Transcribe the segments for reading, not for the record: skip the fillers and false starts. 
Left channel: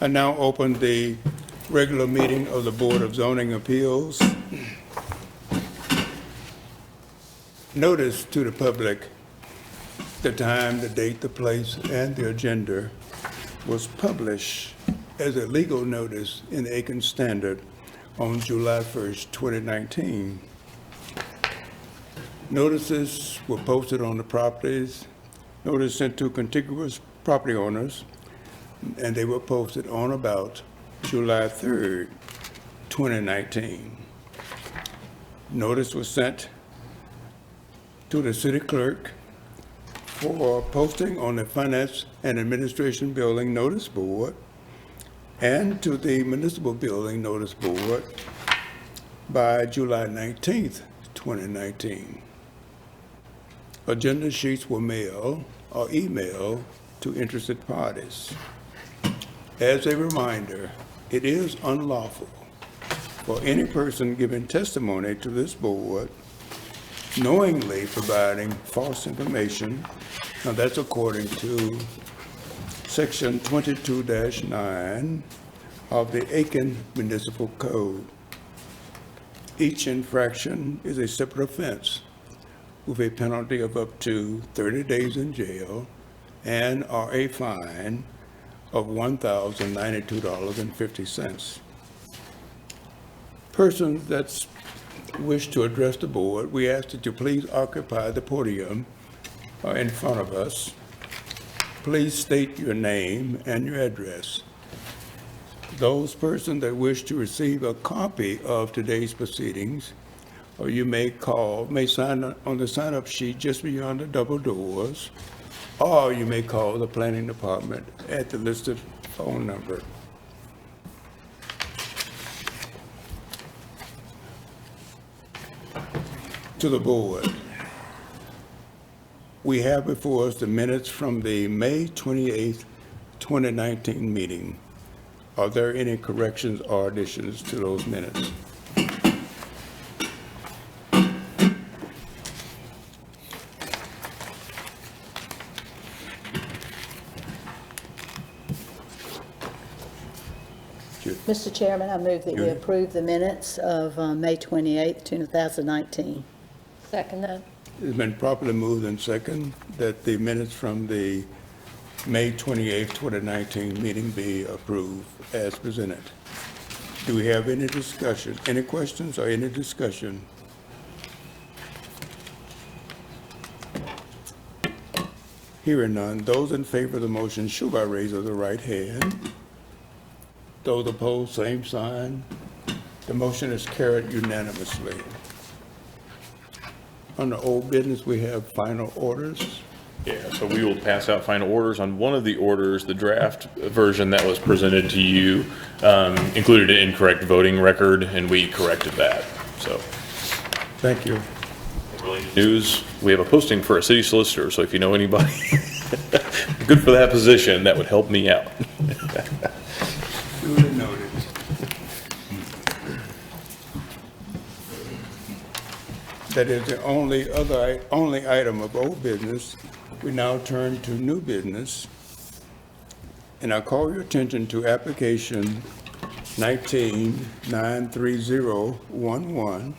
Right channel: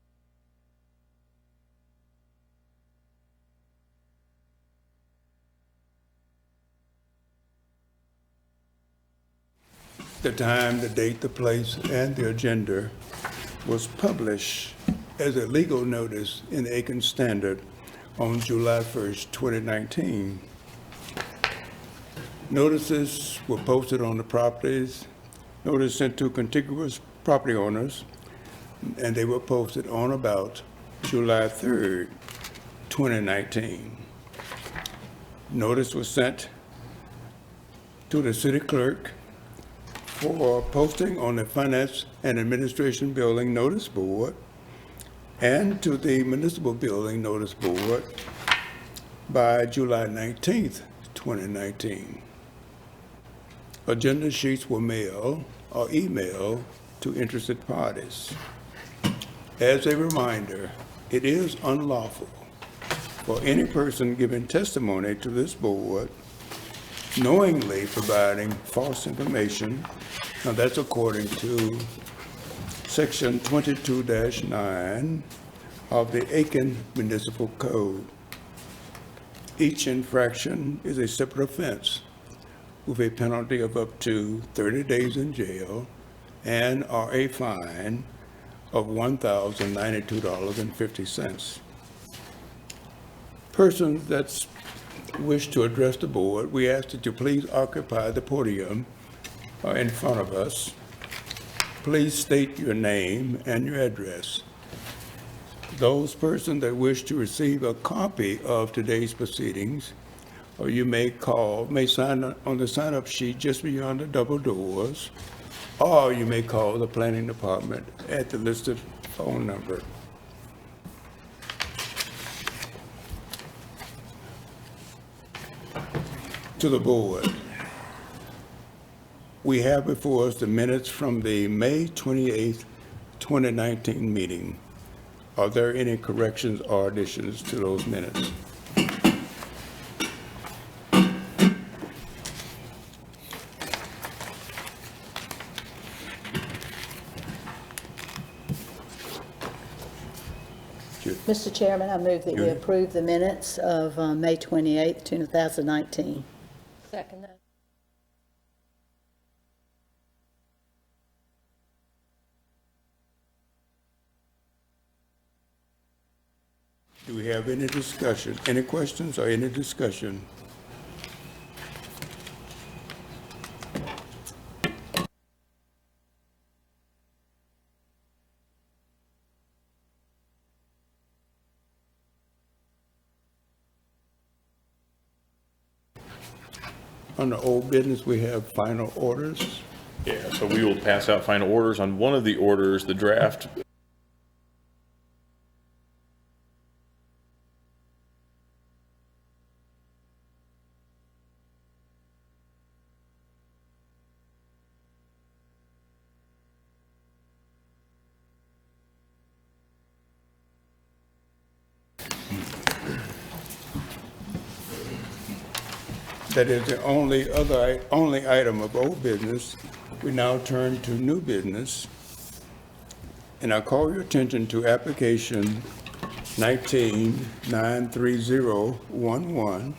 I now open the regular meeting of the Board of Zoning Appeals. Notice to the public, the time, the date, the place, and the agenda was published as a legal notice in the Aiken Standard on July 1st, 2019. Notices were posted on the properties, notice sent to contiguous property owners, and they were posted on about July 3rd, 2019. Notice was sent to the city clerk for posting on the Finance and Administration Building Notice Board and to the Municipal Building Notice Board by July 19th, 2019. Agenda sheets were mailed or emailed to interested parties. As a reminder, it is unlawful for any person giving testimony to this board knowingly providing false information. Now that's according to Section 22-9 of the Aiken Municipal Code. Each infraction is a separate offense with a penalty of up to 30 days in jail and or a fine of $1,092.50. Persons that wish to address the board, we ask that you please occupy the podium in front of us. Please state your name and your address. Those persons that wish to receive a copy of today's proceedings, or you may sign on the sign-up sheet just beyond the double doors, or you may call the planning department at the listed phone number. To the board. We have before us the minutes from the May 28th, 2019 meeting. Are there any corrections or additions to those minutes? Mr. Chairman, I move that we Judy? approve the minutes of May 28th, 2019. Second that. It's been properly moved and second that the minutes from the May 28th, 2019 meeting be approved as presented. Do we have any discussion, any questions or any discussion? Hearing none, those in favor of the motion show by raise of the right hand. Those opposed, same sign. The motion is carried unanimously. Under old business, we have final orders. Yeah, so we will pass out final orders. On one of the orders, the draft version that was presented to you included an incorrect voting record, and we corrected that. So, Thank you. news, we have a posting for a city solicitor, so if you know anybody good for that position, that would help me out. Duly noted. That is the only item of old business. We now turn to new business. And I call your attention to application 19-93011,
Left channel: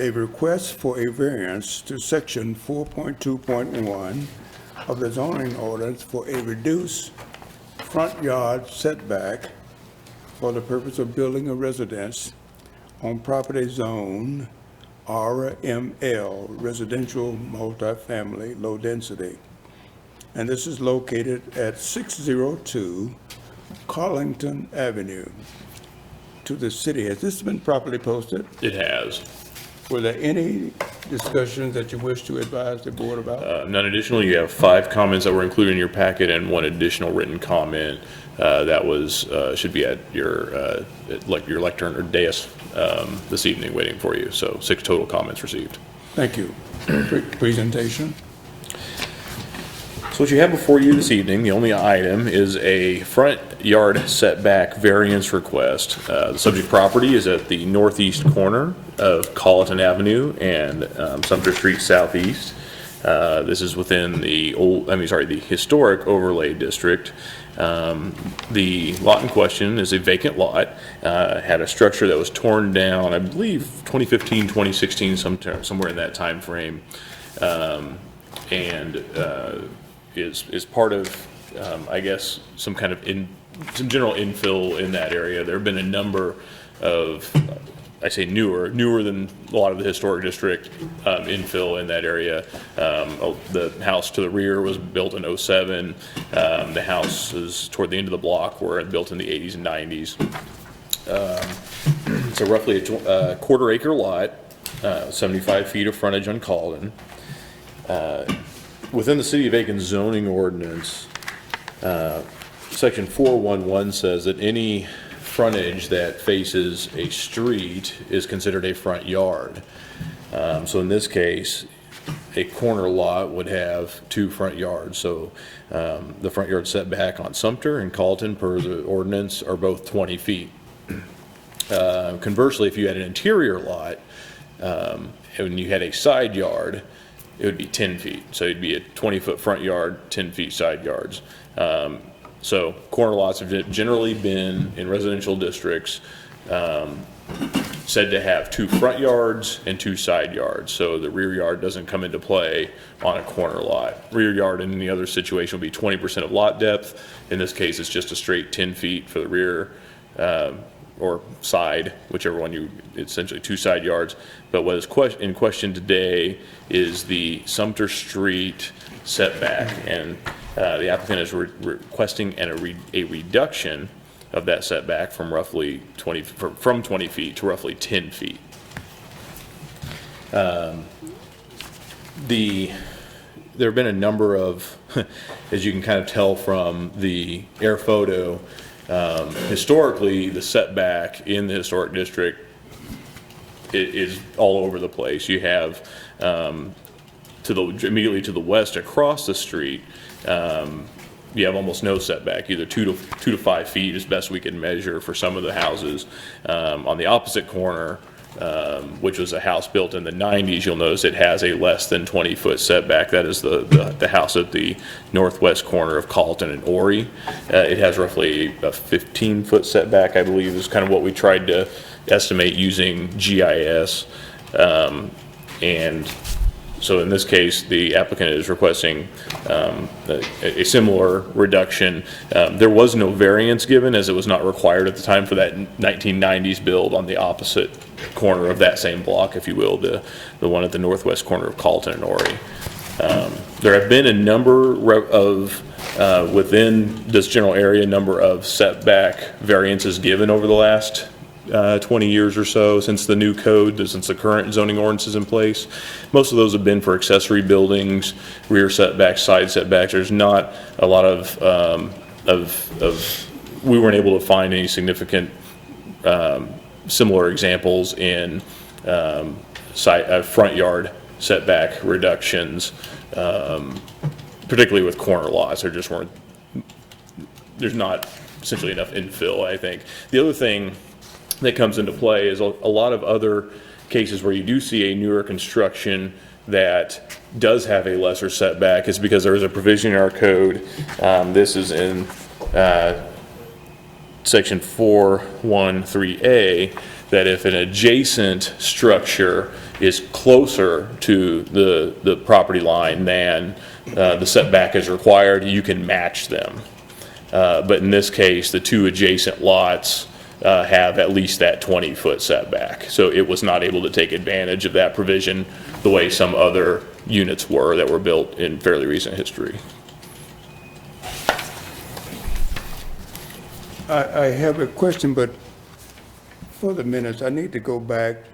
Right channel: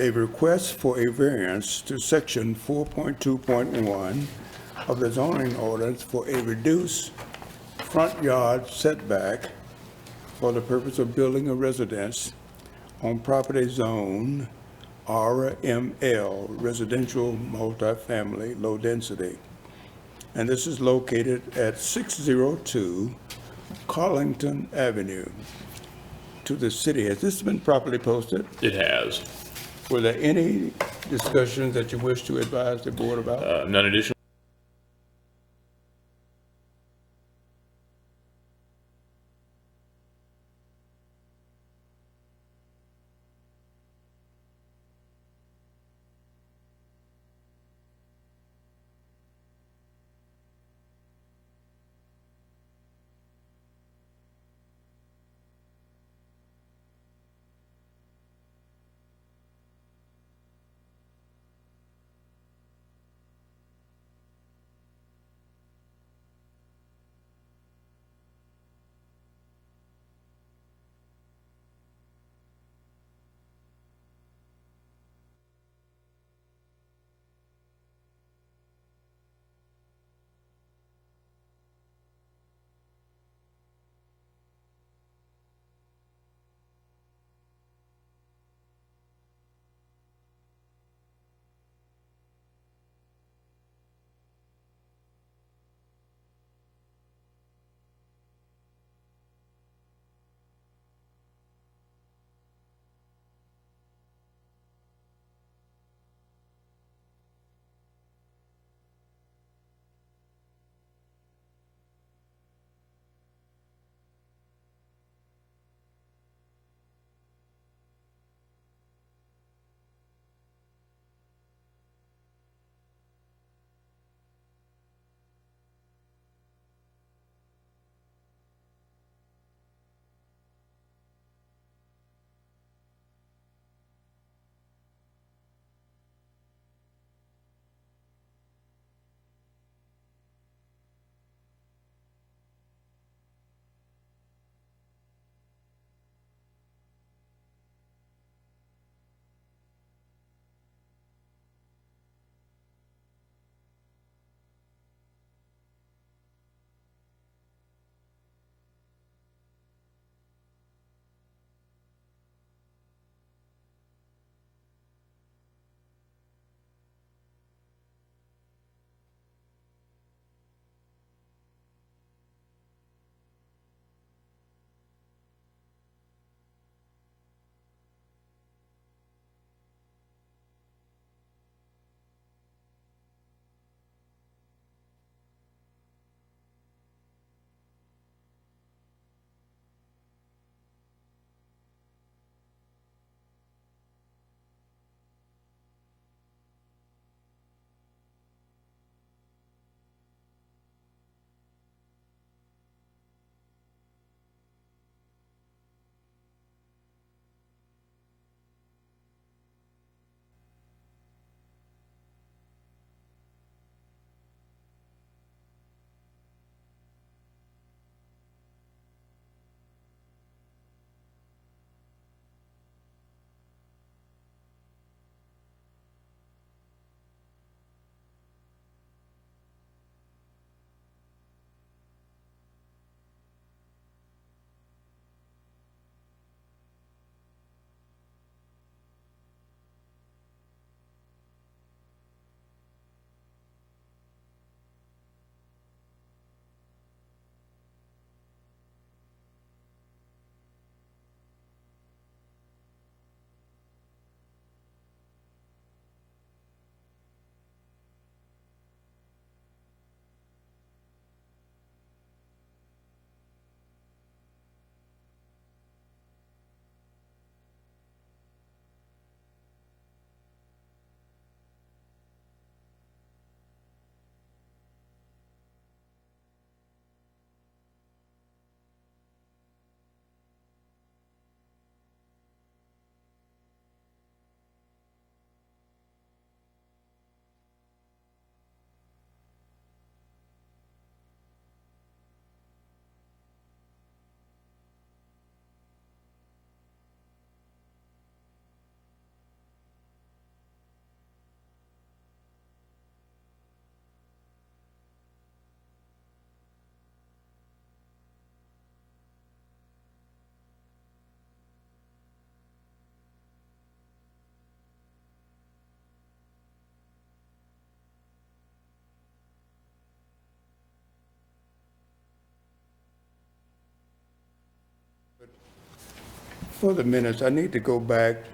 a request for a variance to section 4.2.1 of the zoning ordinance for a reduced front yard setback for the purpose of building a residence on property zone RML, residential multifamily, low density. And this is located at 602 Carlington Avenue. To the city, has this been properly posted? It has. Were there any discussions that you wish to advise the board about? None additional. You have 5 comments that were included in your packet and 1 additional written comment that was should be at your lectern or dais this evening waiting for you. So 6 total comments received. Thank you. Presentation. So what you have before you this evening, the only item is a front yard setback variance request. The subject property is at the northeast corner of Colleton Avenue and Sumter Street Southeast. This is within the the historic overlay district. The lot in question is a vacant lot, had a structure that was torn down, I believe 2015, 2016, somewhere in that time frame, and is part of, I guess, some kind of some general infill in that area. There have been a number of, I say newer than a lot of the historic district infill in that area. The house to the rear was built in '07. The houses toward the end of the block were built in the 80s and 90s. So roughly a quarter acre lot, 75 feet of frontage on Calden. Within the City of Aiken zoning ordinance, section 411 says that any frontage that faces a street is considered a front yard. So in this case, a corner lot would have 2 front yards. So the front yard setback on Sumter and Calton per the ordinance are both 20 feet. Conversely, if you had an interior lot and you had a side yard, it would be 10 feet. So it'd be a 20-foot front yard, 10 feet side yards. So corner lots have generally been in residential districts said to have 2 front yards and 2 side yards. So the rear yard doesn't come into play on a corner lot. Rear yard in any other situation would be 20% of lot depth. In this case, it's just a straight 10 feet for the rear or side, whichever one essentially 2 side yards. But what is in question today is the Sumter Street setback, and the applicant is requesting a reduction of that setback from roughly 20 feet to roughly 10 feet. There have been a number of, as you can kind of tell from the air photo, historically the setback in the historic district is all over the place. You have immediately to the west across the street, you have almost no setback, either 2 to 5 feet as best we can measure for some of the houses. On the opposite corner, which was a house built in the 90s, you'll notice it has a less than 20-foot setback. That is the house at the northwest corner of Calton and Horry. It has roughly a 15-foot setback, I believe, is kind of what we tried to estimate using GIS. And so in this case, the applicant is requesting a similar reduction. There was no variance given, as it was not required at the time for that 1990s build on the opposite corner of that same block, if you will, the one at the northwest corner of Calton and Horry. There have been a number of, within this general area, number of setback variances given over the last 20 years or so since the new code, since the current zoning ordinance is in place. Most of those have been for accessory buildings, rear setbacks, side setbacks. There's not a lot of we weren't able to find any significant similar examples in front yard setback reductions, particularly with corner lots. There's not essentially enough infill, I think. The other thing that comes into play is a lot of other cases where you do see a newer construction that does have a lesser setback is because there is a provision in our code. This is in section 413A, that if an adjacent structure is closer to the property line than the setback is required, you can match them. But in this case, the 2 adjacent lots have at least that 20-foot setback. So it was not able to take advantage of that provision the way some other units were that were built in fairly recent history. I have a question, but for the minutes, I need to go back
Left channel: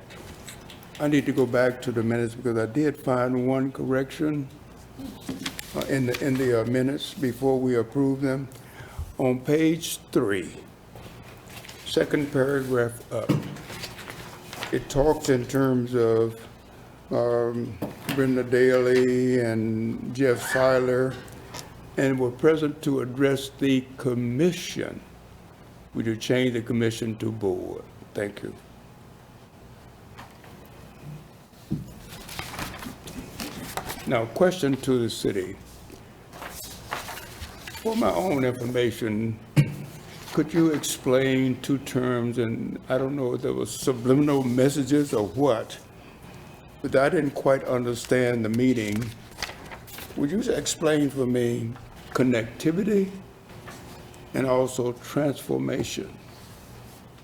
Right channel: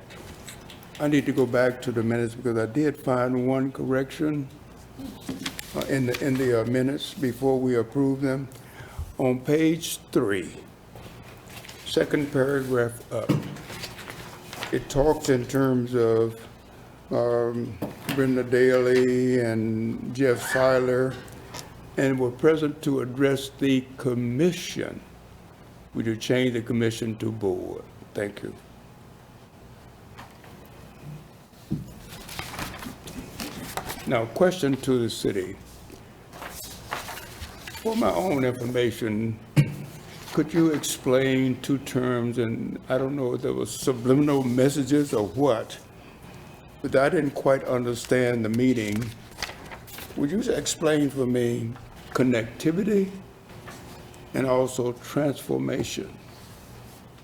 to the minutes because I did find one correction in the minutes before we approve them. On page 3, second paragraph up, it talks in terms of Brenda Daly and Jeff Seiler, and were present to address the commission. Would you change the commission to board? Thank you. Now, question to the city. For my own information, could you explain two terms, and I don't know if there was subliminal messages or what, but I didn't quite understand the meaning. Would you explain for me connectivity and also transformation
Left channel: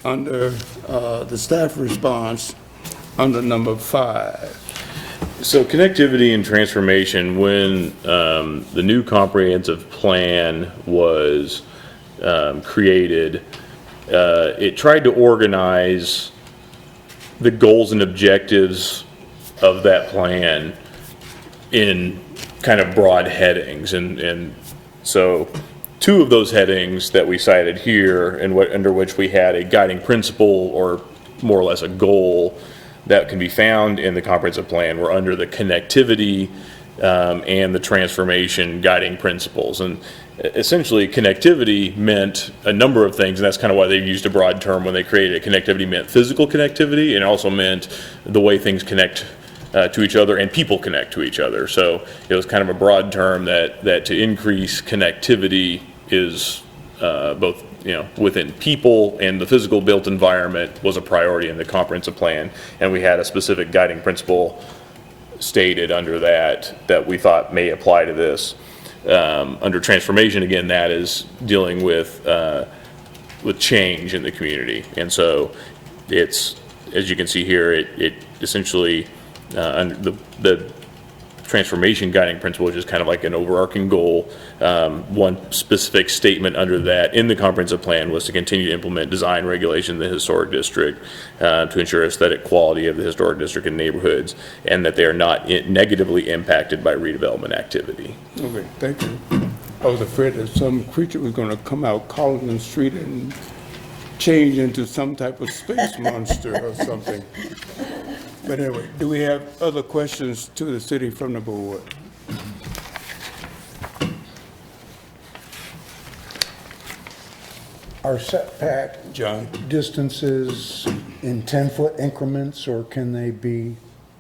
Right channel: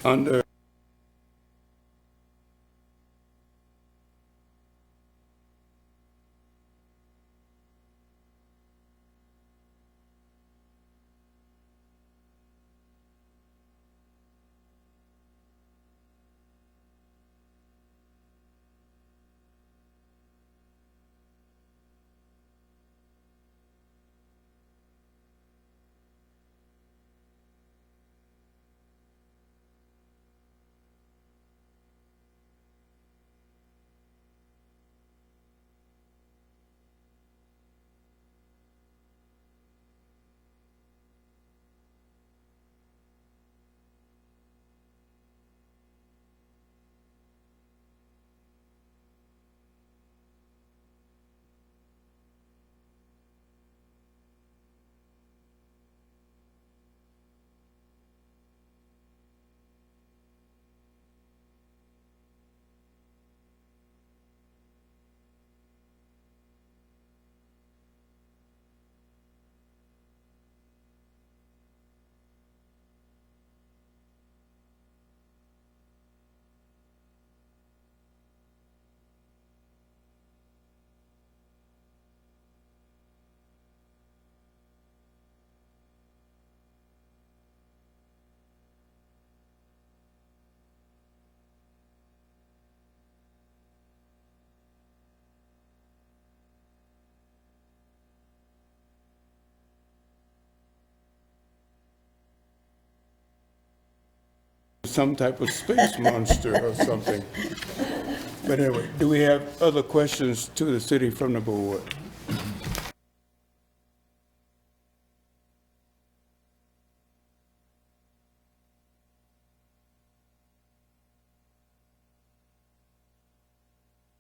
under the staff response under number 5? So connectivity and transformation, when the new comprehensive plan was created, it tried to organize the goals and objectives of that plan in kind of broad headings. And so two of those headings that we cited here, and under which we had a guiding principle or more or less a goal that can be found in the comprehensive plan, were under the connectivity and the transformation guiding principles. And essentially connectivity meant a number of things, and that's kind of why they used a broad term when they created it. Connectivity meant physical connectivity, and it also meant the way things connect to each other and people connect to each other. So it was kind of a broad term that to increase connectivity is both within people and the physical built environment was a priority in the comprehensive plan, and we had a specific guiding principle stated under that we thought may apply to this. Under transformation, again, that is dealing with change in the community, and so it's, as you can see here, it essentially under the transformation guiding principle, which is kind of like an overarching goal. One specific statement under that in the comprehensive plan was to continue to implement design regulation in the historic district to ensure aesthetic quality of the historic district and neighborhoods, and that they are not negatively impacted by redevelopment activity. Okay, thank you. I was afraid that some creature was going to come out Collins Street and change into some type of space monster or something. But anyway, do we have other questions to the city from the board? Are setback John? distances in 10-foot increments, or can they be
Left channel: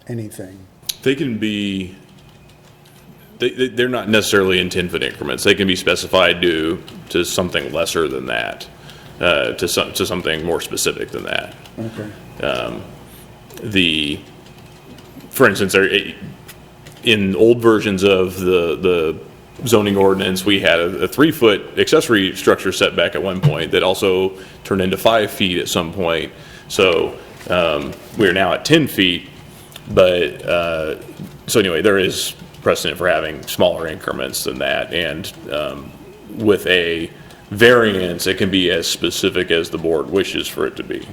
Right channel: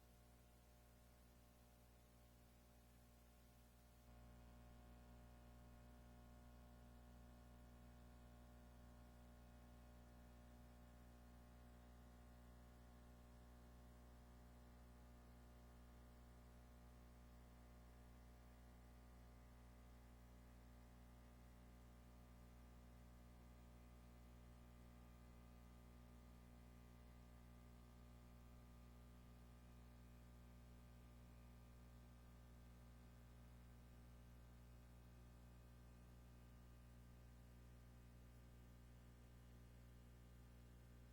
anything? They can be, they're not necessarily in 10-foot increments. They can be specified to something lesser than that, to something more specific than that. Okay. For instance, in old versions of the zoning ordinance, we had a 3-foot accessory structure setback at one point that also turned into 5 feet at some point. So we're now at 10 feet, but so anyway, there is precedent for having smaller increments than that, and with a variance, it can be as specific as the board wishes for it to be.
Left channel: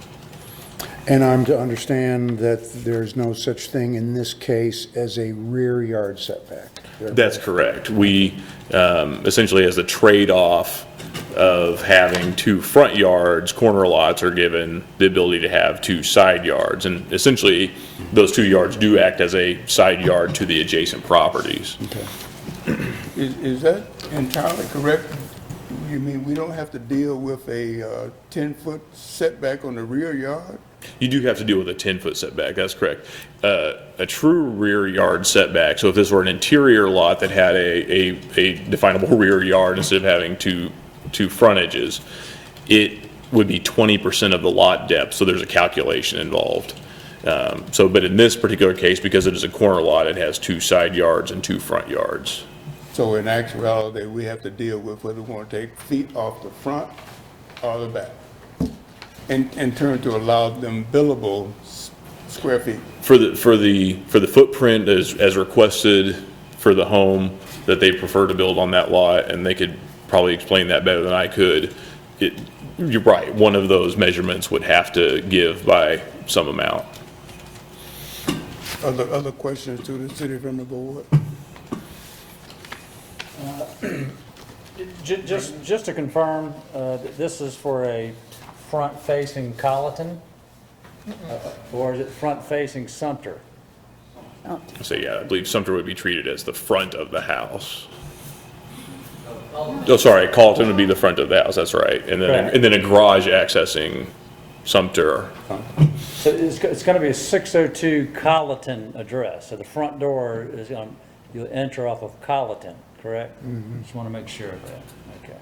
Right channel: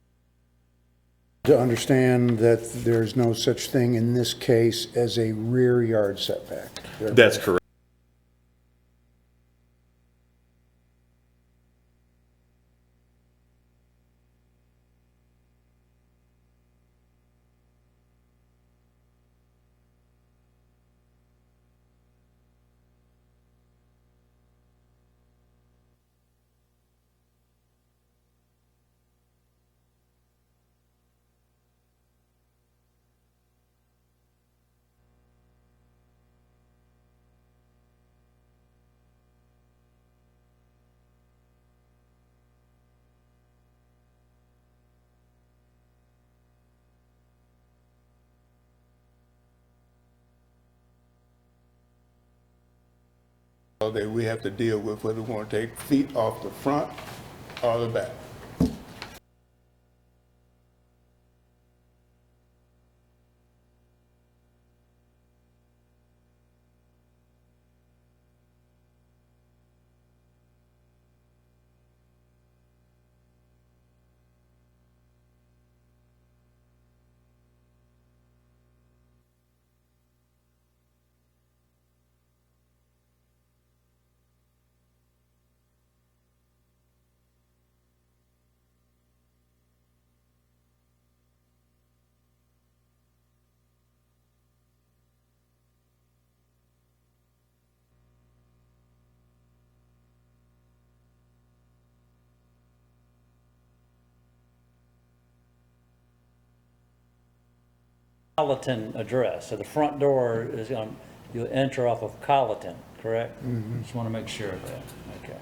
And I'm to understand that there's no such thing in this case as a rear yard setback? That's correct. We essentially, as a trade-off of having 2 front yards, corner lots are given the ability to have 2 side yards, and essentially those 2 yards do act as a side yard to the adjacent properties. Okay. Is that entirely correct? You mean we don't have to deal with a 10-foot setback on the rear yard? You do have to deal with a 10-foot setback, that's correct. A true rear yard setback, so if this were an interior lot that had a definable rear yard instead of having two frontages, it would be 20% of the lot depth, so there's a calculation involved. But in this particular case, because it is a corner lot, it has 2 side yards and 2 front yards. So in actuality, we have to deal with whether we want to take feet off the front or the back, in turn to allow them billable square feet. For the footprint as requested for the home that they prefer to build on that lot, and they could probably explain that better than I could, you're right, one of those measurements would have to give by some amount. Other questions to the city from the board? Just to confirm, that this is for a front-facing Colleton, or is it front-facing Sumter? So yeah, I believe Sumter would be treated as the front of the house. Oh, sorry, Carlton would be the front of the house, that's right. And then, Correct. and then a garage accessing Sumter. So it's going to be a 602 Colleton address, so the front door is on, you'll enter off of Colleton, correct? Just want to make sure of that, okay.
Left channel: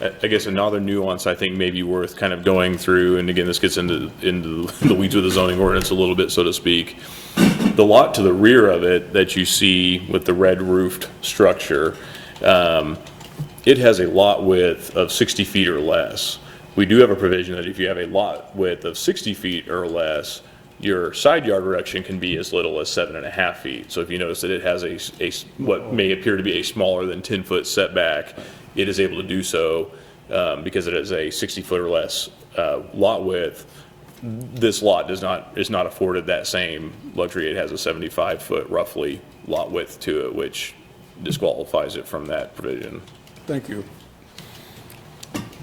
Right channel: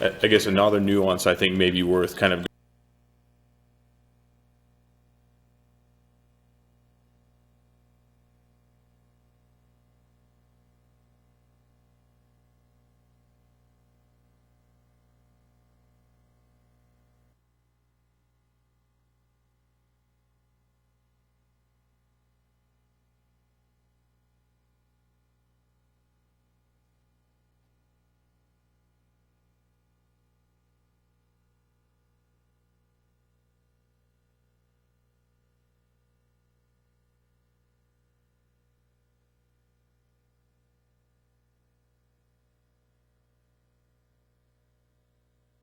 I guess another nuance I think may be worth kind of going through, and again, this gets into the weeds of the zoning ordinance a little bit, so to speak. The lot to the rear of it that you see with the red roofed structure, it has a lot width of 60 feet or less. We do have a provision that if you have a lot width of 60 feet or less, your side yard reduction can be as little as 7.5 feet. So if you notice that it has a what may appear to be a smaller than 10-foot setback, it is able to do so because it is a 60-foot or less lot width. This lot is not afforded that same luxury. It has a 75-foot roughly lot width to it, which disqualifies it from that provision. Thank you.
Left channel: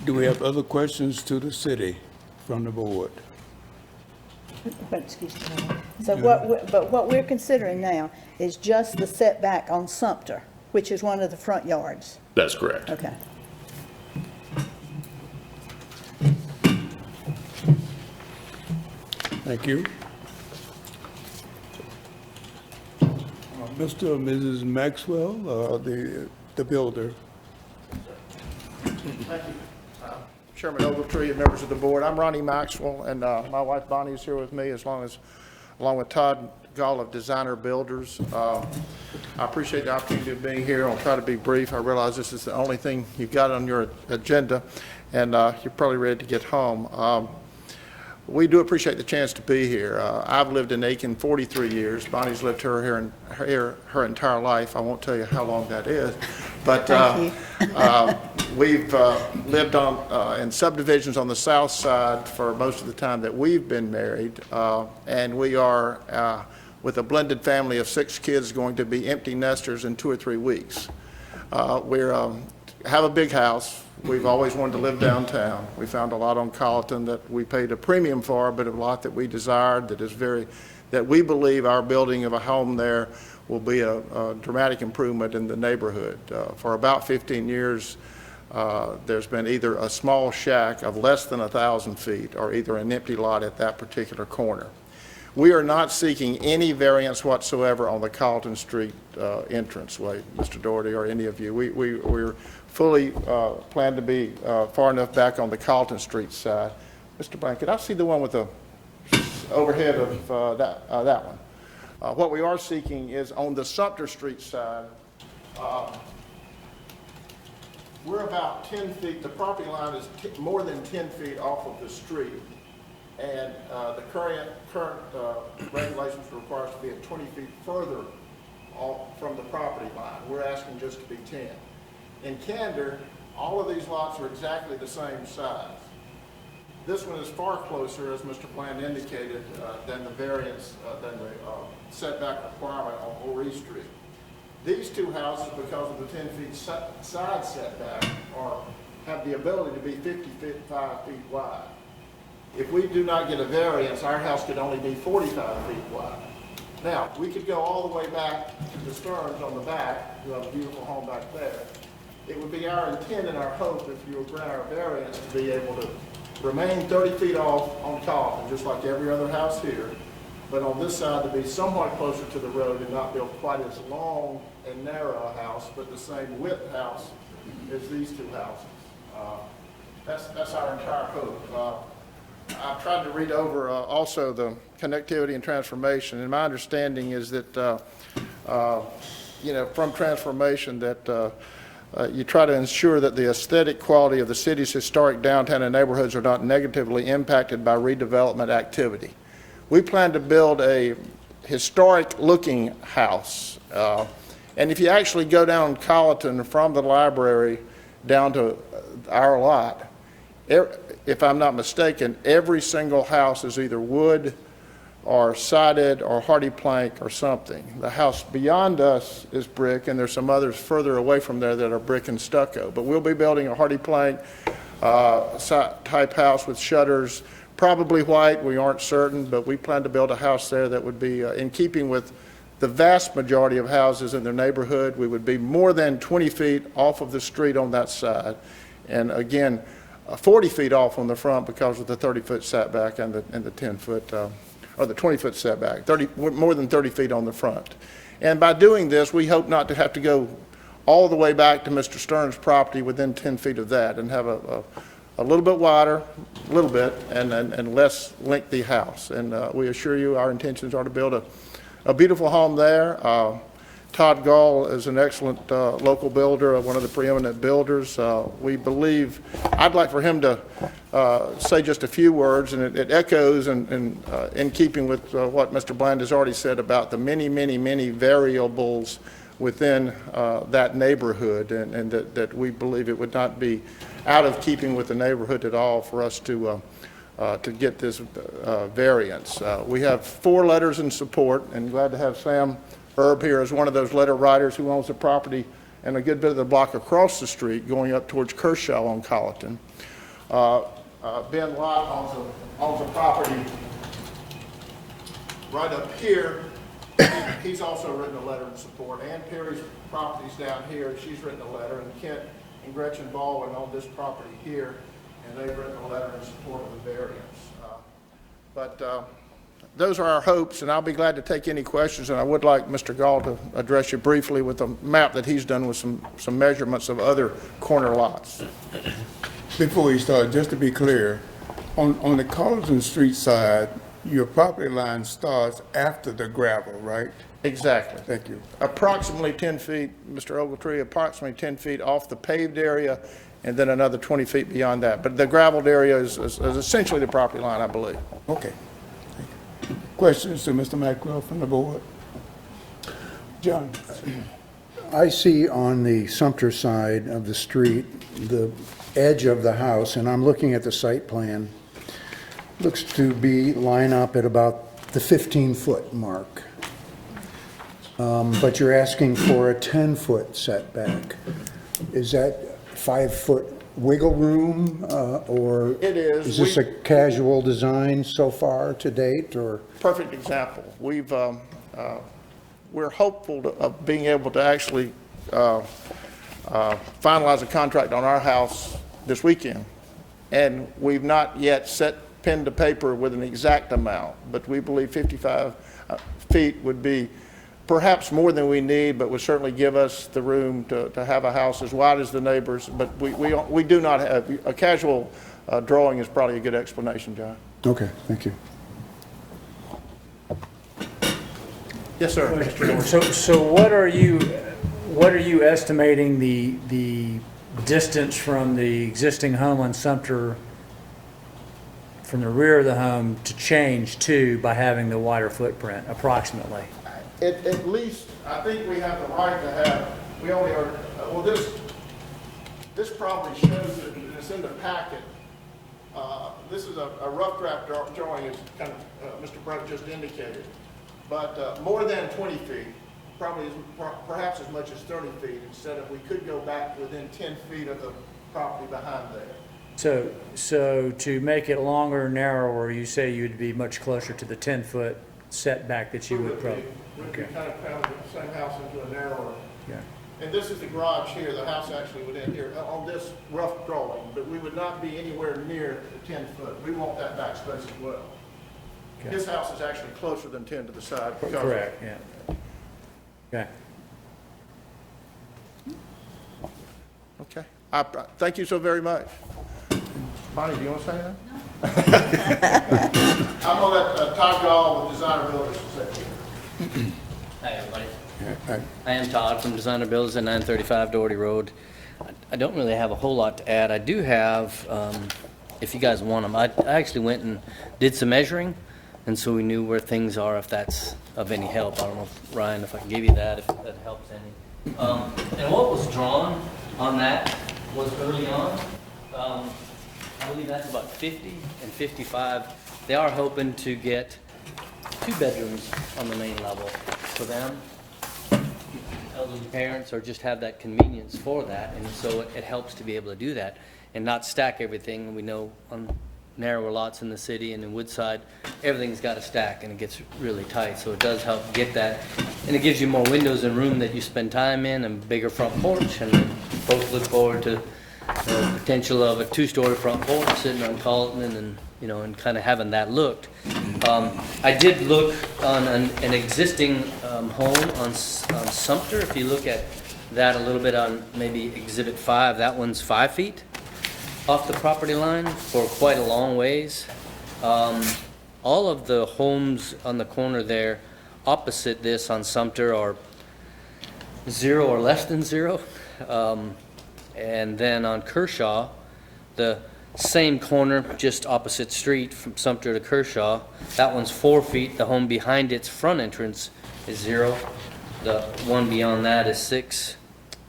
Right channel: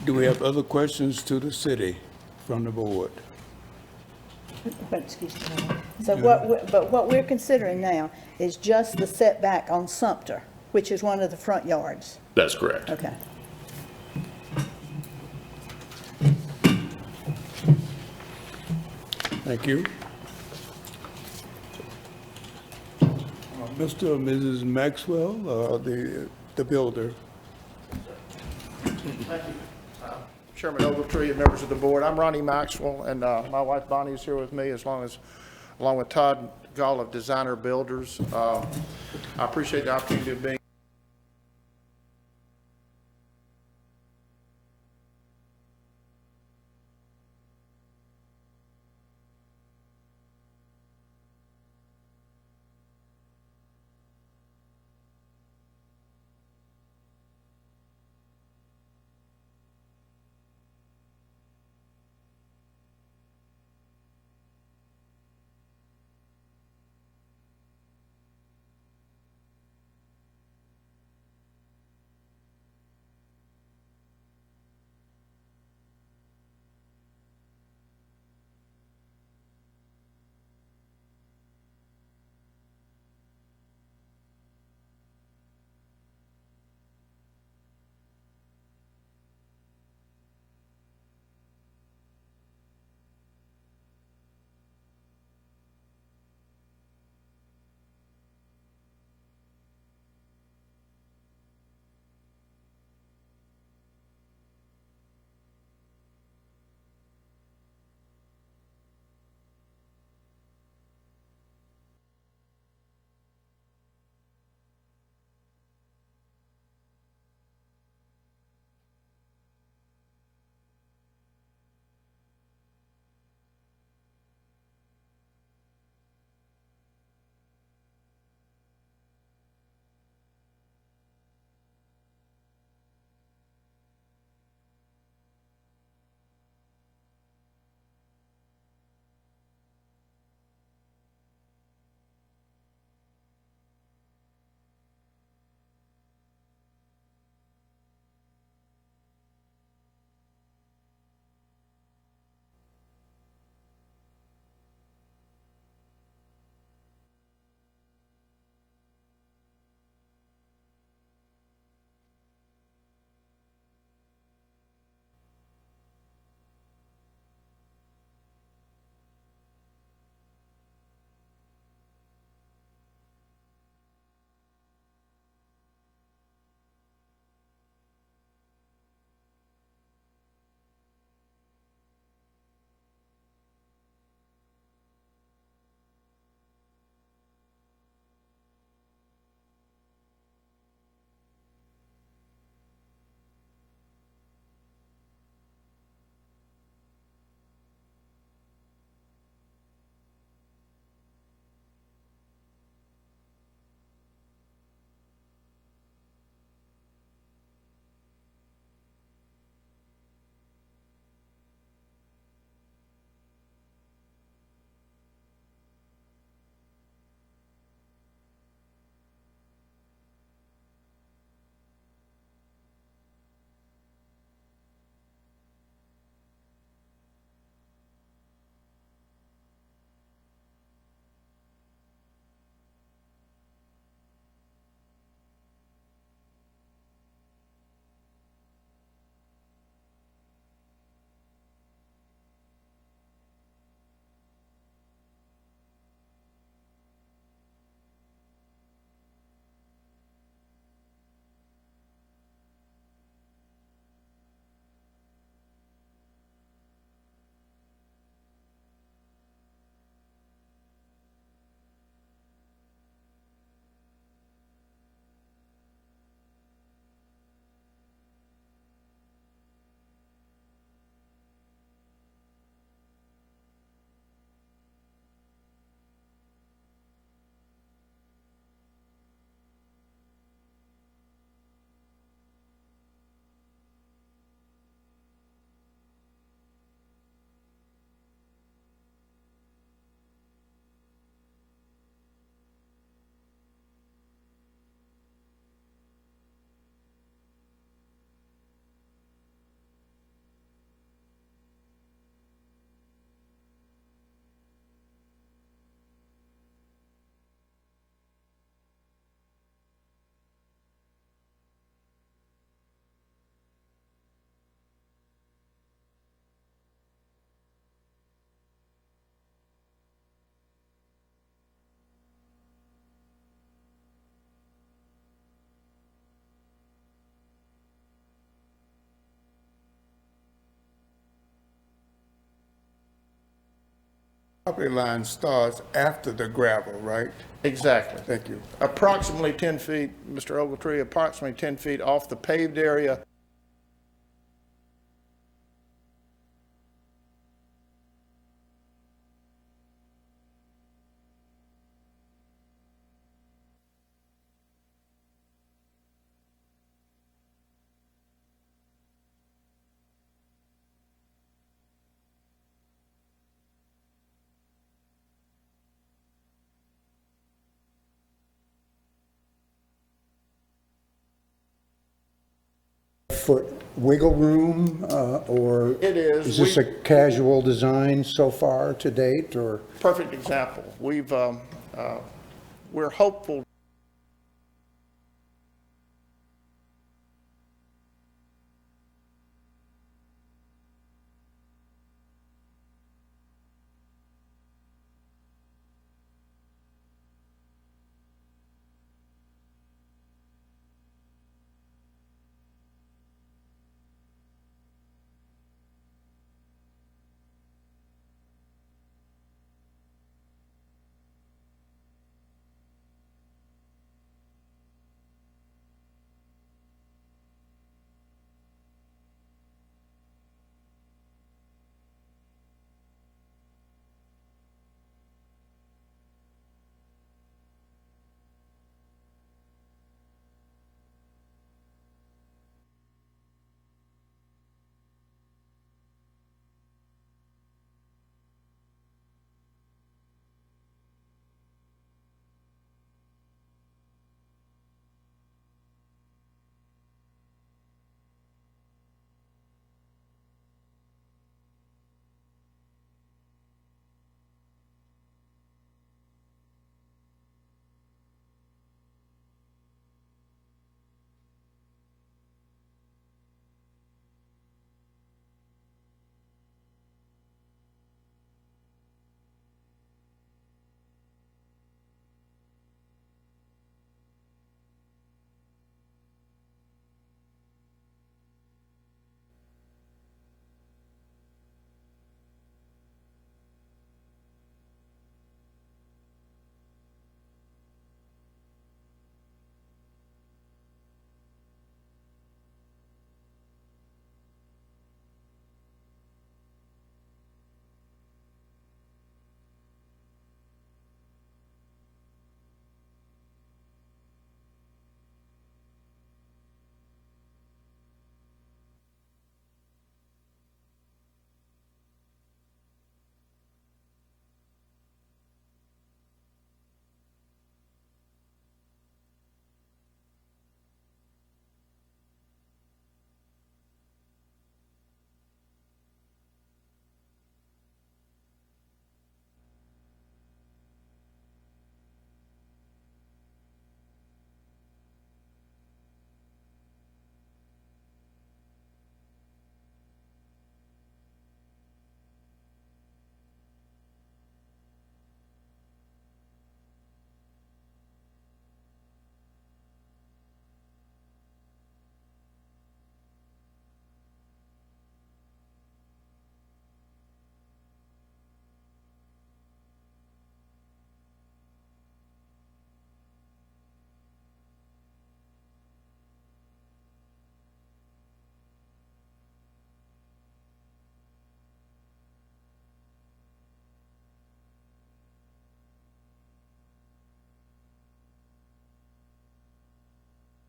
Do we have other questions to the city from the board? Excuse me. So what we're considering now is just the setback on Sumter, which is one of the front yards. That's correct. Okay. Thank you. Mr. or Mrs. Maxwell, the builder. Thank you. Chairman Ogletree and members of the board. I'm Ronnie Maxwell, and my wife Bonnie is here with me, along with Todd Gall of Designer Builders. I appreciate the opportunity of being here. I'll try to be brief. I realize this is the only thing you've got on your agenda, and you're probably ready to get home. We do appreciate the chance to be here. I've lived in Aiken 43 years. Bonnie's lived her entire life. I won't tell you how long that is. But we've lived in subdivisions on the south side for most of the time that we've been married. And we are, with a blended family of 6 kids, going to be empty nesters in 2 or 3 weeks. We have a big house. We've always wanted to live downtown. We found a lot on Colleton that we paid a premium for, but a lot that we desired that we believe our building of a home there will be a dramatic improvement in the neighborhood. For about 15 years, there's been either a small shack of less than 1,000 feet or either an empty lot at that particular corner. We are not seeking any variance whatsoever on the Colleton Street entranceway, Mr. Doherty, or any of you. We're fully plan to be far enough back on the Colleton Street side. Mr. Blanket, I see the one with the overhead of that one. What we are seeking is on the Sumter Street side, we're about 10 feet, the property line is more than 10 feet off of the street, and the current regulations require us to be at 20 feet further off from the property line. We're asking just to be 10. In candor, all of these lots are exactly the same size. This one is far closer, as Mr. Bland indicated, than the variance, than the setback requirement on Horry Street. These 2 houses, because of the 10 feet side setback, have the ability to be 55 feet wide. If we do not get a variance, our house could only be 45 feet wide. Now, we could go all the way back to the Stearns on the back, who have a beautiful home back there. It would be our intent and our hope, if you would grant our variance, to be able to remain 30 feet off on Colleton, just like every other house here, but on this side to be somewhat closer to the road and not build quite as long and narrow a house, but the same width house as these 2 houses. That's our entire hope. I've tried to read over also the connectivity and transformation, and my understanding is that, from transformation that you try to ensure that the aesthetic quality of the city's historic downtown and neighborhoods are not negatively impacted by redevelopment activity. We plan to build a historic-looking house. And if you actually go down Colleton from the library down to our lot, if I'm not mistaken, every single house is either wood or sided or hardy plank or something. The house beyond us is brick, and there's some others further away from there that are brick and stucco. But we'll be building a hardy plank type house with shutters, probably white, we aren't certain, but we plan to build a house there that would be in keeping with the vast majority of houses in the neighborhood. We would be more than 20 feet off of the street on that side. And again, 40 feet off on the front because of the 30-foot setback and the 10-foot, or the 20-foot setback, more than 30 feet on the front. And by doing this, we hope not to have to go all the way back to Mr. Stern's property within 10 feet of that and have a little bit wider, a little bit, and less lengthy house. And we assure you our intentions are to build a beautiful home there. Todd Gall is an excellent local builder, one of the preeminent builders. We believe, I'd like for him to say just a few words, and it echoes in keeping with what Mr. Bland has already said about the many, many, many variables within that neighborhood, and that we believe it would not be out of keeping with the neighborhood at all for us to get this variance. We have 4 letters in support, and glad to have Sam Herb here as one of those letter writers who owns the property and a good bit of the block across the street going up towards Kershaw on Colleton. Ben Lott owns a property right up here. He's also written a letter in support. Ann Perry's property's down here. She's written a letter. And Kent and Gretchen Baldwin own this property here, and they've written a letter in support of the variance. Those are our hopes, and I'll be glad to take any questions. And I would like Mr. Gall to address you briefly with a map that he's done with some measurements of other corner lots. Before you start, just to be clear, on the Colleton Street side, your property line starts after the gravel, right? Exactly. Thank you. Approximately 10 feet, Mr. Ogletree, approximately 10 feet off the paved area, and then another 20 feet beyond that. But the gravelled area is essentially the property line, I believe. Okay. Thank you. Questions to Mr. Maxwell from the board? John? I see on the Sumter side of the street, the edge of the house, and I'm looking at the site plan, looks to be line up at about the 15-foot mark. But you're asking for a 10-foot setback. Is that 5-foot wiggle room, or? It is. Is this a casual design so far to date, or? Perfect example. We're hopeful of being able to actually finalize a contract on our house this weekend. And we've not yet set pen to paper with an exact amount, but we believe 55 feet would be perhaps more than we need, but would certainly give us the room to have a house as wide as the neighbors. But we do not have, a casual drawing is probably a good explanation, John. Okay, thank you. Yes, sir. So what are you estimating the distance from the existing home on Sumter, from the rear of the home, to change to by having the wider footprint, approximately? At least, I think we have the right to have, we only are, well, this probably shows it, it's in the packet. This is a rough draft drawing, as kind of Mr. Brett just indicated. But more than 20 feet, probably perhaps as much as 30 feet, instead of, we could go back within 10 feet of the property behind there. So to make it longer or narrower, you say you'd be much closer to the 10-foot setback that you would probably. Would be kind of pound the same house into a narrower. Yeah. And this is the garage here, the house actually would end here on this rough drawing, but we would not be anywhere near the 10 foot. We want that backspace as well. Okay. His house is actually closer than 10 to the side. because- Correct, yeah. Okay. Okay. Thank you so very much. Bonnie, do you want to say anything? I'm going to let Todd Gall with Designer Builders say. Hi, everybody. Yeah, I am Todd from Designer Builders at 935 Doherty Road. I don't really have a whole lot to add. I do have, if you guys want them, I actually went and did some measuring, and so we knew where things are, if that's of any help. I don't know, Ryan, if I can give you that, if that helps any. And what was drawn on that was early on, I believe that's about 50 and 55. They are hoping to get 2 bedrooms on the main level for them, elderly parents, or just have that convenience for that. And so it helps to be able to do that and not stack everything. We know on narrower lots in the city, and in Woodside, everything's got a stack and it gets really tight, so it does help get that. And it gives you more windows and room that you spend time in, and bigger front porch, and folks look forward to the potential of a two-story front porch sitting on Carlton and, you know, and kind of having that looked. I did look on an existing home on Sumter. If you look at that a little bit on maybe Exhibit 5, that one's 5 feet off the property line for quite a long ways. All of the homes on the corner there opposite this on Sumter are 0 or less than 0. And then on Kershaw, the same corner, just opposite street from Sumter to Kershaw, that one's 4 feet. The home behind its front entrance is 0. The one beyond that is 6.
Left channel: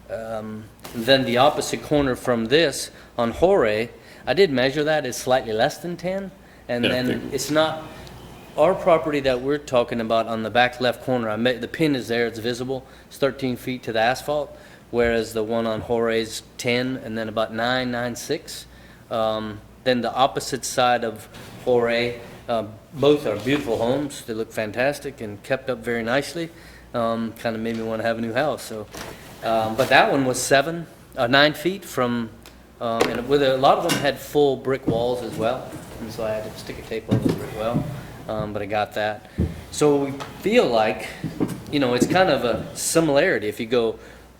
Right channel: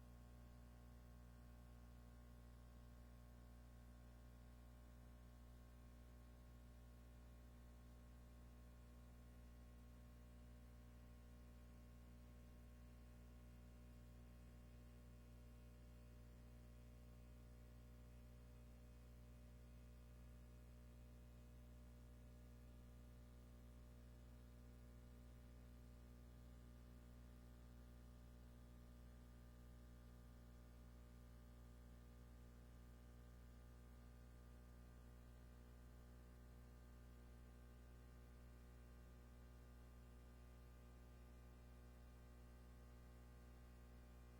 Then the opposite corner from this on Jorge, I did measure that, is slightly less than 10. And Yeah, then it's not, our property that we're talking about on the back left corner, the pin is there, it's visible, it's 13 feet to the asphalt, whereas the one on Jorge's 10, and then about 9.96. Then the opposite side of Jorge, both are beautiful homes. They look fantastic and kept up very nicely. Kind of made me want to have a new house. So, but that one was 9 feet from, and with a lot of them had full brick walls as well. And so I had to stick a tape over the brick wall, but I got that. So we feel like, you know, it's kind of a similarity. If you go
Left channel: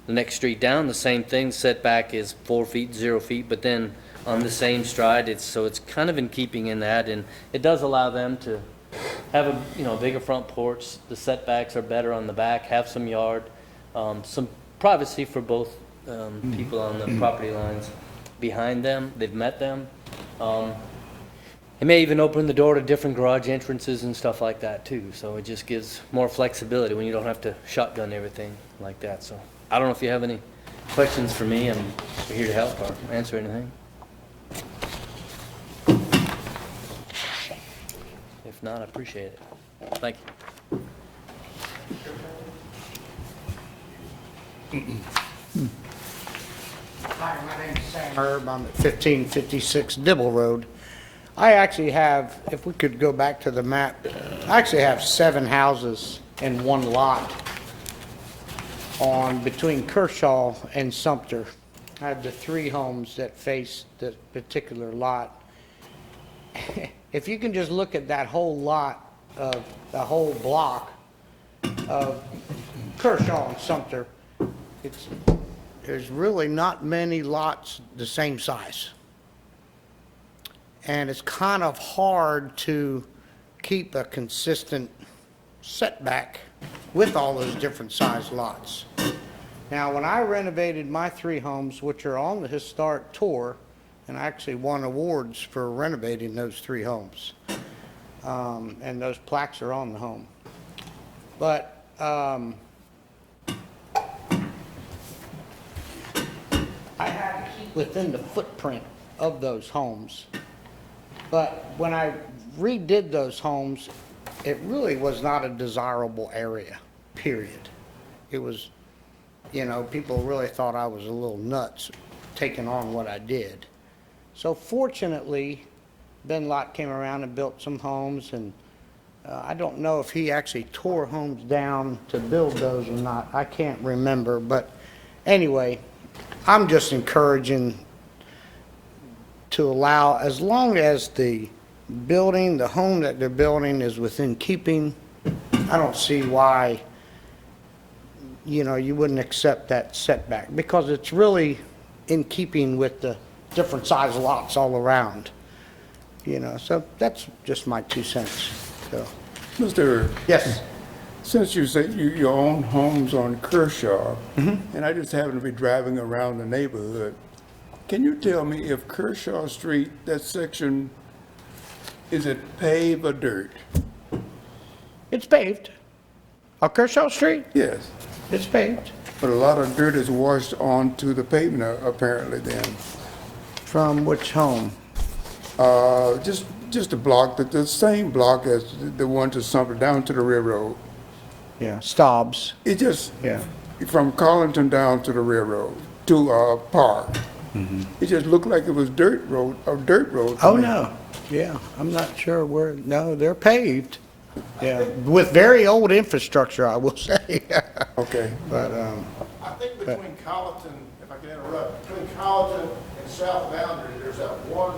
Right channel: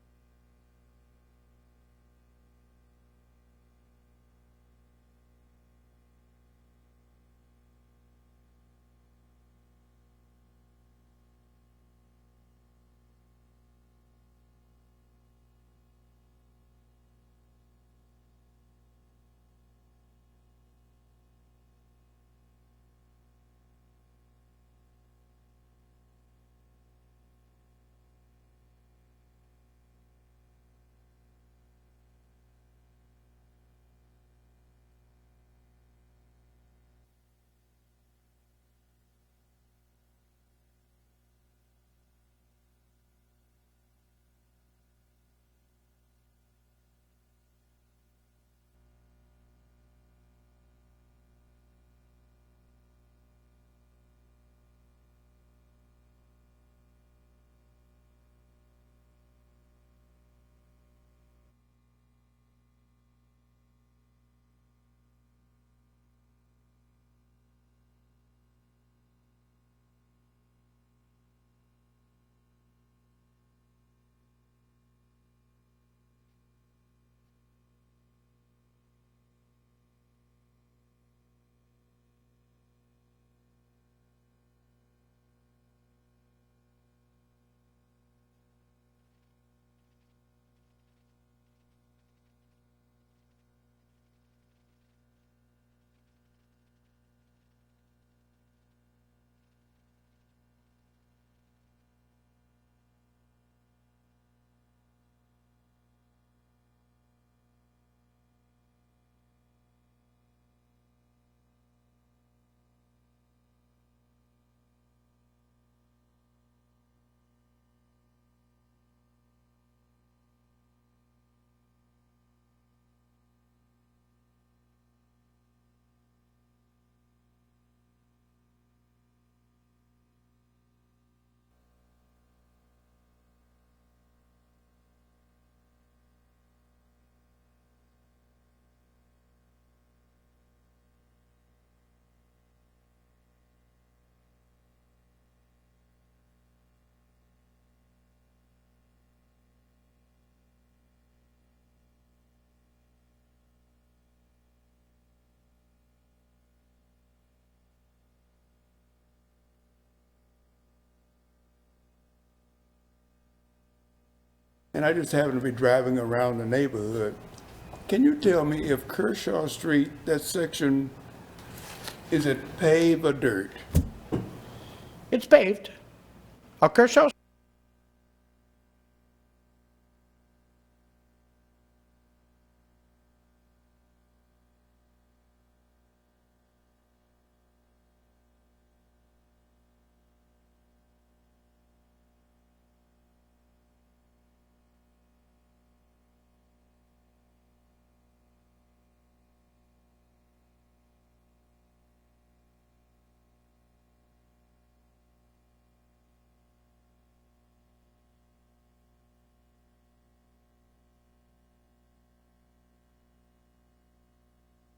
the next street down, the same thing, setback is 4 feet, 0 feet, but then on the same stride, it's kind of in keeping in that, and it does allow them to have a, you know, bigger front porch. The setbacks are better on the back, have some yard, some privacy for both people on the property lines behind them. They've met them. It may even open the door to different garage entrances and stuff like that too. So it just gives more flexibility when you don't have to shotgun everything like that. So I don't know if you have any questions for me. I'm here to help or answer anything. If not, I appreciate it. Thank you. Hi, my name's Sam Herb. I'm at 1556 Dibble Road. I actually have, if we could go back to the map, I actually have 7 houses in one lot on between Kershaw and Sumter. I have the 3 homes that face the particular lot. If you can just look at that whole lot of the whole block of Kershaw and Sumter, there's really not many lots the same size. And it's kind of hard to keep a consistent setback with all those different size lots. Now, when I renovated my 3 homes, which are on the historic tour, and I actually won awards for renovating those 3 homes, and those plaques are on the home. But I had to keep within the footprint of those homes. But when I redid those homes, it really was not a desirable area, period. It was, you know, people really thought I was a little nuts taking on what I did. So fortunately, Ben Lott came around and built some homes, and I don't know if he actually tore homes down to build those or not. I can't remember, but anyway, I'm just encouraging to allow, as long as the building, the home that they're building is within keeping, I don't see why, you know, you wouldn't accept that setback, because it's really in keeping with the different size lots all around, you know. So that's just my 2 cents. So, Mr. yes. Since you say you own homes on Kershaw, and I just happen to be driving around the neighborhood, can you tell me if Kershaw Street, that section, is it paved or dirt? It's paved. Kershaw Street? Yes, It's paved. but a lot of dirt is washed onto the pavement apparently then. From which home? Just a block, the same block as the one to Sumter, down to the railroad. Yeah, Staub's. It just, Yeah. from Carlington down to the railroad, to Park. It just looked like it was dirt road, or dirt road. to Oh, me. no, yeah, I'm not sure where, no, they're paved. Yeah, with very old infrastructure, I will say. Okay. But, I think between Colleton, if I can interrupt, between Colleton and South Boundary, there's that one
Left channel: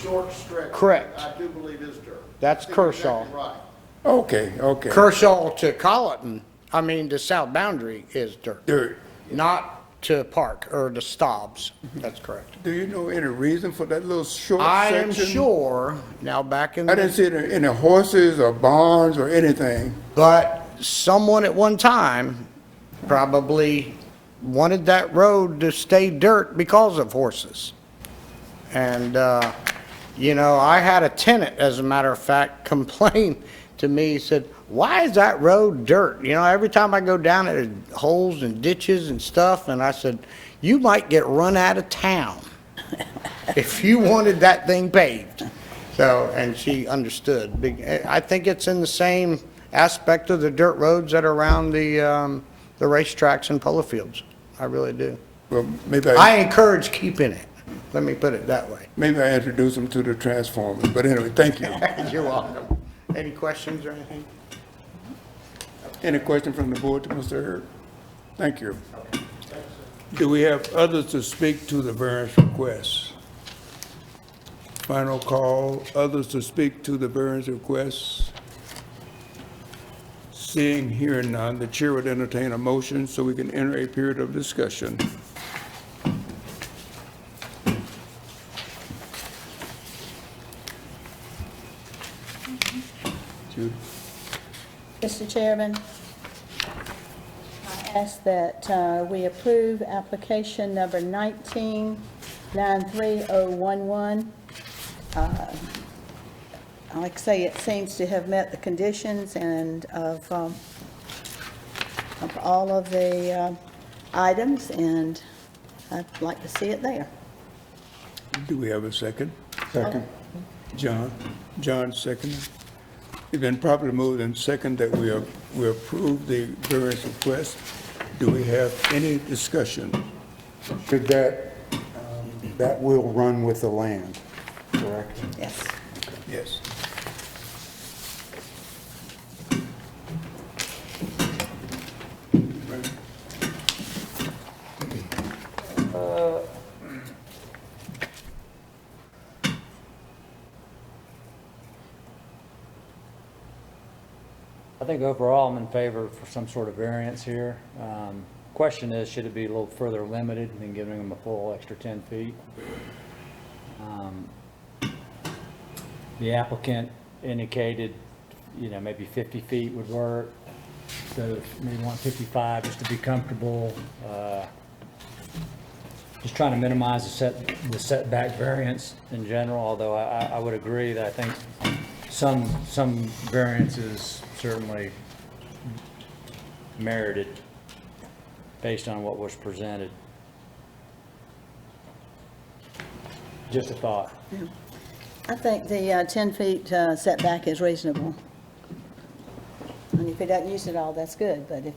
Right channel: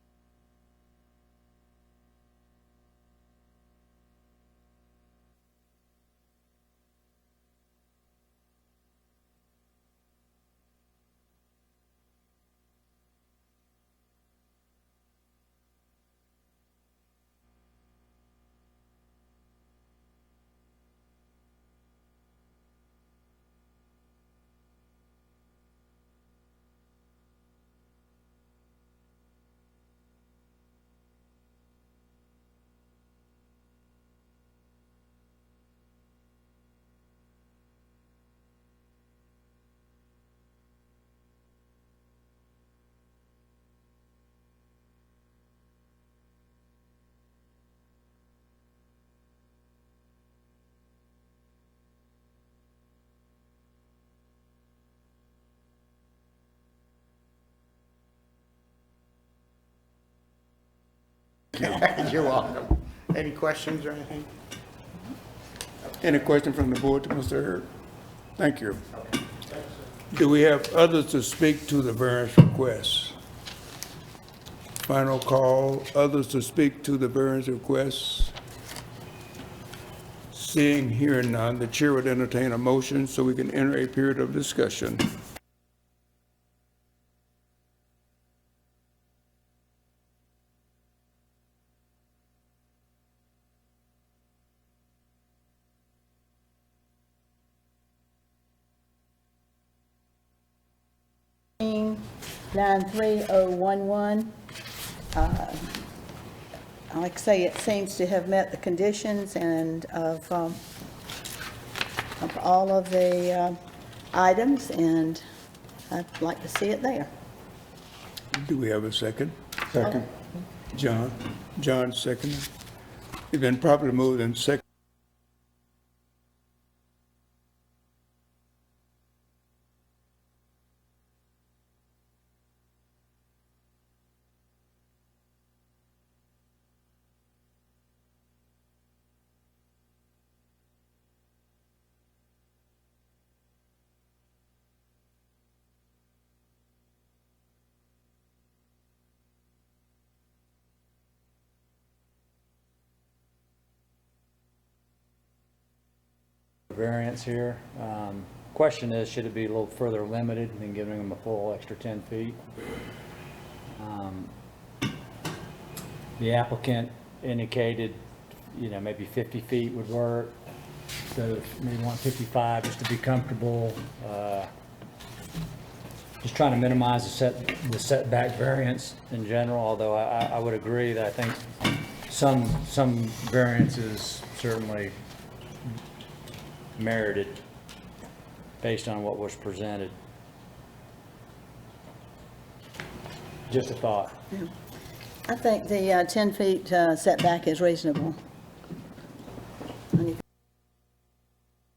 short stretch. Correct. that I do believe is dirt. That's I think you're Kershaw. exactly right. Okay, okay. Kershaw to Colleton, I mean, the South Boundary is dirt, Dirt. not to Park or to Stobbs. That's correct. Do you know any reason for that little short I section? am sure, now back in I didn't the, see any horses or barns or anything. but someone at one time probably wanted that road to stay dirt because of horses. And, you know, I had a tenant, as a matter of fact, complain to me, he said, why is that road dirt? You know, every time I go down it, there's holes and ditches and stuff, and I said, you might get run out of town if you wanted that thing paved. So, and she understood. I think it's in the same aspect of the dirt roads that are around the racetracks and polo fields. I really do. Well, maybe I encourage keeping it. Let me put it that way. maybe I introduced them to the Transformers, but anyway, thank you. You're welcome. Any questions or anything? Any question from the board to Mr. Herb? Thank you. Do we have others to speak to the variance requests? Final call, others to speak to the variance requests? Seeing, hearing none, the chair would entertain a motion so we can enter a period of discussion. Judy? Mr. Chairman, I ask that we approve application number 19-93011. Like I say, it seems to have met the conditions and of all of the items, and I'd like to see it there. Do we have a second? Second. John seconded. It's been properly moved and second that we approve the variance request. Do we have any discussion? Should that, that will run with the land, correct? Yes. Yes. I think overall I'm in favor for some sort of variance here. Question is, should it be a little further limited than giving them a full extra 10 feet? The applicant indicated, you know, maybe 50 feet would work. So maybe want 55 just to be comfortable. Just trying to minimize the setback variance in general, although I would agree that I think some variances certainly merited based on what was presented. Just a thought. I think the 10 feet setback is reasonable. And if he doesn't use it all, that's good, but if,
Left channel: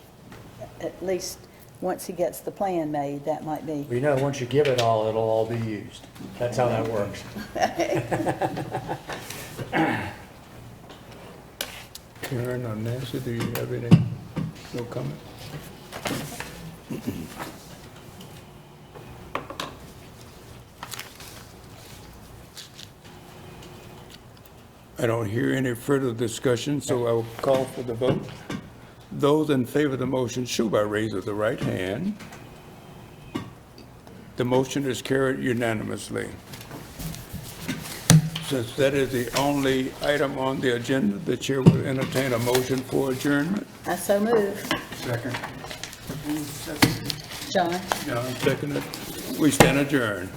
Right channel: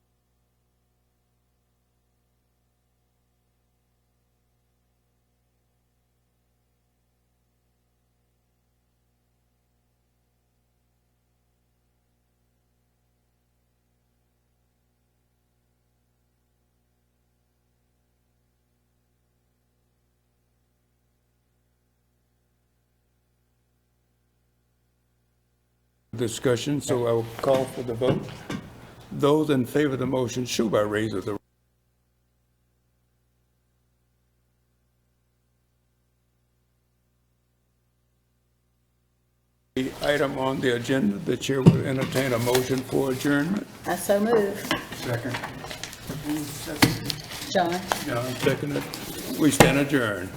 at least, once he gets the plan made, that might be. Well, you know, once you give it all, it'll all be used. That's how that works. Karen or Nancy, do you have any, no comment? I don't hear any further discussion, so I will call for the vote. Those in favor of the motion show by raise of the right hand. The motion is carried unanimously. Since that is the only item on the agenda, the chair will entertain a motion for adjournment. I so move. Second. John? John seconded. We stand adjourned.